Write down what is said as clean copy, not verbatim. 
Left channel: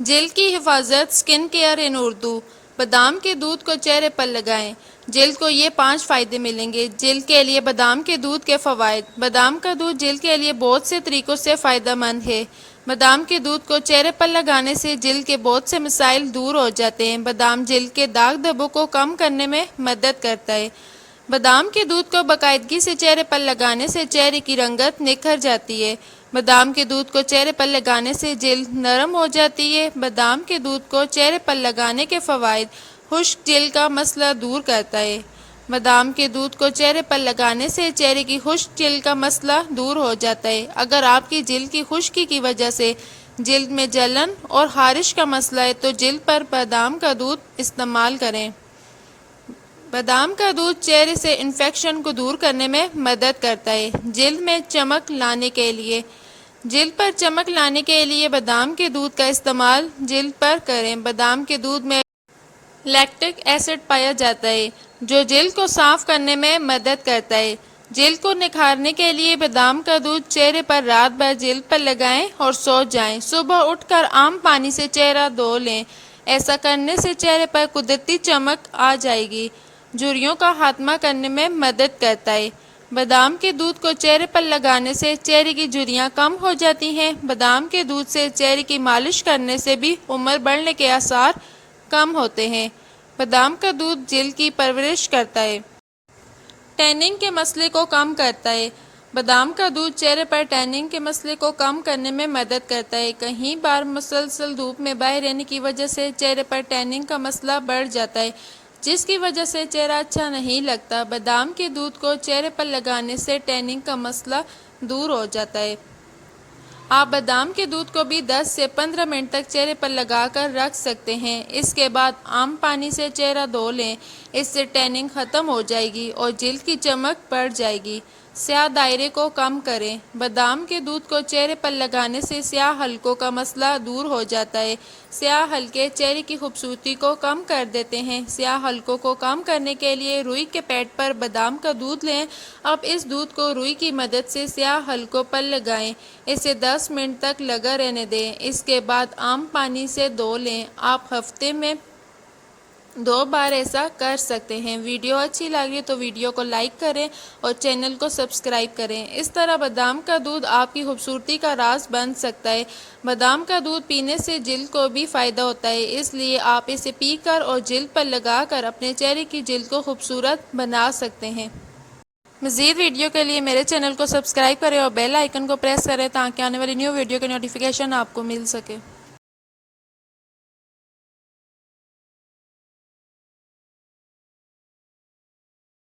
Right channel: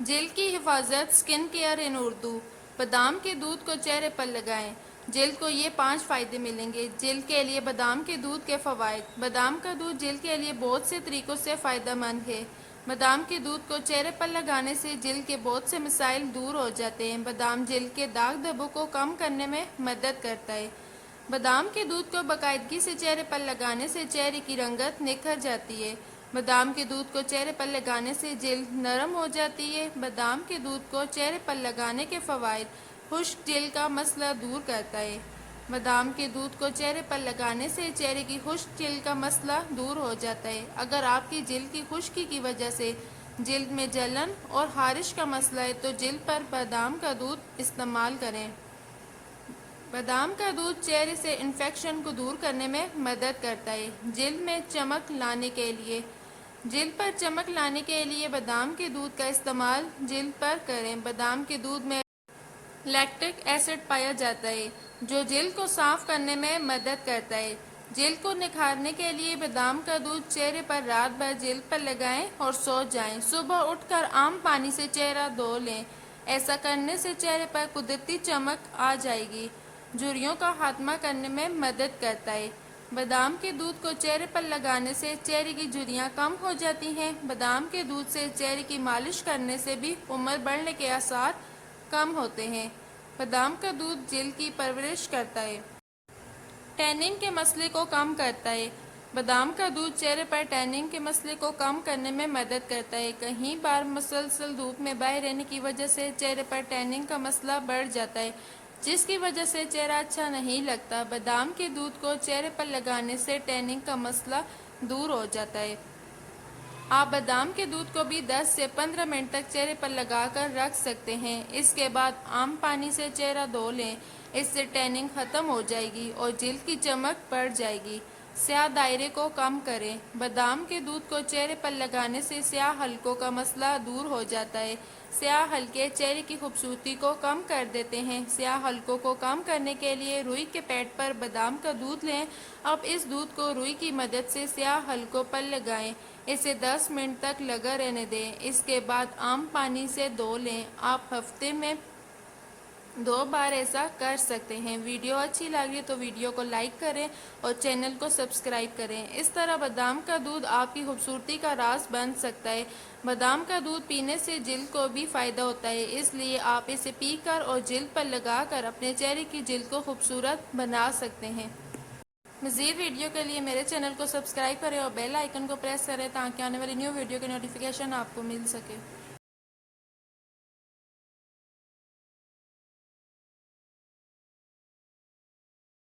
جلد کی حفاظت سکن کیئر ان اردو۔ بادام کے دودھ کو چہرے پر لگائیں، جلد کو یہ 5 فائدے ملیں گے۔ جلد کے لیے بادام کے دودھ کے فوائد۔ بادام کا دودھ جلد کے لیے بہت سے طریقوں سے فائدہ مند ہے۔ بادام کے دودھ کو چہرے پر لگانے سے جلد کے بہت سے مسائل دور ہو جاتے ہیں۔ بادام جلد کے داغ دھبوں کو کم کرنے میں مدد کرتا ہے۔ بادام کے دودھ کو باقاعدگی سے چہرے پر لگانے سے چہرے کی رنگت نکھر جاتی ہے۔ بادام کے دودھ کو چہرے پر لگانے سے جلد نرم ہو جاتی ہے۔ بادام کے دودھ کو چہرے پر لگانے کے فوائد: خشک جلد کا مسئلہ دور کرتا ہے۔ بادام کے دودھ کو چہرے پر لگانے سے چہرے کی خشک جلد کا مسئلہ دور ہو جاتا ہے۔ اگر آپ کی جلد کی خشکی کی وجہ سے جلد میں جلن اور خارش کا مسئلہ ہے تو جلد پر بادام کا دودھ استعمال کریں۔ بادام کا دودھ چہرے سے انفیکشن کو دور کرنے میں مدد کرتا ہے۔ جلد میں چمک لانے کے لیے جلد پر چمک لانے کے لیے بادام کے دودھ کا استعمال جلد پر کریں۔ بادام کے دودھ میں لیکٹک ایسڈ پایا جاتا ہے جو جلد کو صاف کرنے میں مدد کرتا ہے۔ جلد کو نکھارنے کے لیے بادام کا دودھ چہرے پر رات بھر جلد پر لگائیں اور سو جائیں۔ صبح اٹھ کر عام پانی سے چہرہ دھو لیں، ایسا کرنے سے چہرے پر قدرتی چمک آ جائے گی۔ جھریوں کا خاتمہ کرنے میں مدد کرتا ہے۔ بادام کے دودھ کو چہرے پر لگانے سے چہرے کی جھریاں کم ہو جاتی ہیں۔ بادام کے دودھ سے چہرے کی مالش کرنے سے بھی عمر بڑھنے کے آثار کم ہوتے ہیں۔ بادام کا دودھ جلد کی پرورش کرتا ہے۔ ٹیننگ کے مسئلے کو کم کرتا ہے۔ بادام کا دودھ چہرے پر ٹیننگ کے مسئلے کو کم کرنے میں مدد کرتا ہے۔ کئی بار مسلسل دھوپ میں باہر رہنے کی وجہ سے چہرے پر ٹیننگ کا مسئلہ بڑھ جاتا ہے، جس کی وجہ سے چہرہ اچھا نہیں لگتا۔ بادام کے دودھ کو چہرے پر لگانے سے ٹیننگ کا مسئلہ دور ہو جاتا ہے۔ آپ بادام کے دودھ کو بھی 10 سے 15 منٹ تک چہرے پر لگا کر رکھ سکتے ہیں۔ اس کے بعد عام پانی سے چہرہ دھو لیں، اس سے ٹیننگ ختم ہو جائے گی اور جلد کی چمک بڑھ جائے گی۔ سیاہ دائرے کو کم کریں۔ بادام کے دودھ کو چہرے پر لگانے سے سیاہ حلقوں کا مسئلہ دور ہو جاتا ہے۔ سیاہ حلقے چہرے کی خوبصورتی کو کم کر دیتے ہیں۔ سیاہ حلقوں کو کم کرنے کے لیے روئی کے پیڈ پر بادام کا دودھ لیں۔ اب اس دودھ کو روئی کی مدد سے سیاہ حلقوں پر لگائیں، اسے 10 منٹ تک لگا رہنے دیں۔ اس کے بعد عام پانی سے دھو لیں۔ آپ ہفتے میں 2 بار ایسا کر سکتے ہیں۔ ویڈیو اچھی لگی تو ویڈیو کو لائک کریں اور چینل کو سبسکرائب کریں۔ اس طرح بادام کا دودھ آپ کی خوبصورتی کا راز بن سکتا ہے۔ بادام کا دودھ پینے سے جلد کو بھی فائدہ ہوتا ہے، اس لیے آپ اسے پی کر اور جلد پر لگا کر اپنے چہرے کی جلد کو خوبصورت بنا سکتے ہیں۔ مزید ویڈیو کے لیے میرے چینل کو سبسکرائب کریں اور بیل آئیکن کو پریس کریں تاکہ آنے والی نیو ویڈیو کی نوٹیفیکیشن آپ کو مل سکے۔